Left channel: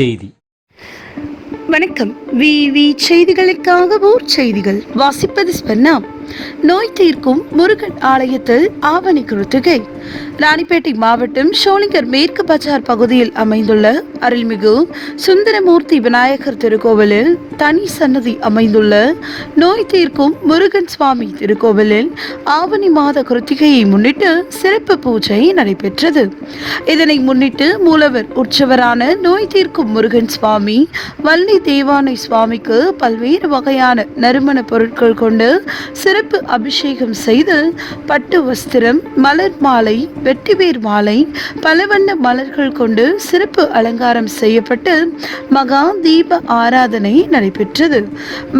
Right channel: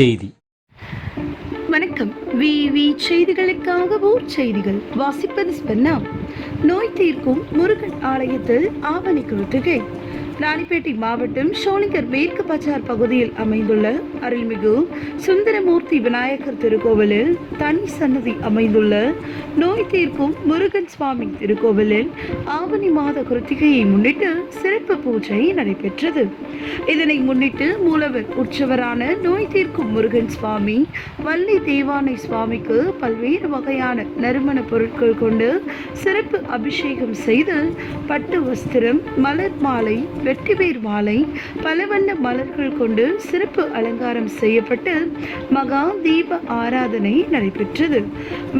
செய்தி. வணக்கம். விவி செய்திகளுக்காக ஊர் செய்திகள் வாசிப்பது ஸ்பென்னா. நோய் தீர்க்கும் முருகன் ஆலயத்தில் ஆவணி கிருத்திகை. ராணிப்பேட்டை மாவட்டம் ஷோலிங்கர் மேற்கு பஜார் பகுதியில் அமைந்துள்ள அருள்மிகு சுந்தரமூர்த்தி விநாயகர் திருக்கோவிலில் தனி சன்னதி அமைந்துள்ள நோய் தீர்க்கும் முருகன் சுவாமி திருக்கோவிலில் ஆவணி மாத கிருத்திகையை முன்னிட்டு சிறப்பு பூஜை நடைபெற்றது. இதனை முன்னிட்டு மூலவர் உற்சவரான நோய் தீர்க்கும் முருகன் சுவாமி வள்ளி தேவானை சுவாமிக்கு பல்வேறு வகையான நறுமண பொருட்கள் கொண்டு சிறப்பு அபிஷேகம் செய்து பட்டு வஸ்திரம், மலர் மாலை, வெட்டிவேர் மாலை, பலவண்ண மலர்கள் கொண்டு சிறப்பு அலங்காரம் செய்யப்பட்டு மகா தீப ஆராதனை நடைபெற்றது.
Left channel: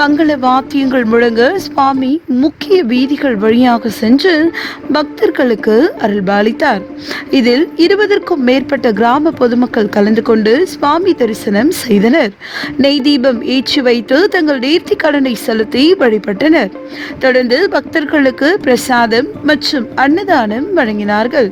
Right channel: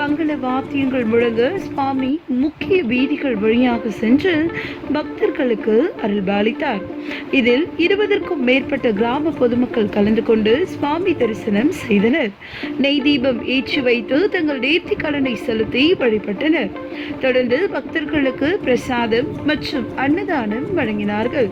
மங்கள வாத்தியங்கள் முழங்க சுவாமி முக்கிய வீதிகள் வழியாக சென்று பக்தர்களுக்கு அருள்பாலித்தார். இதில் 20க்கும் மேற்பட்ட கிராம பொதுமக்கள் கலந்து கொண்டு சுவாமி தரிசனம் செய்தனர். நெய் தீபம் ஏற்றி வைத்து தங்கள் நேர்த்தி கடனை செலுத்தி வழிபட்டனர். தொடர்ந்து பக்தர்களுக்கு பிரசாதம் மற்றும் அன்னதானம் வழங்கினார்கள்.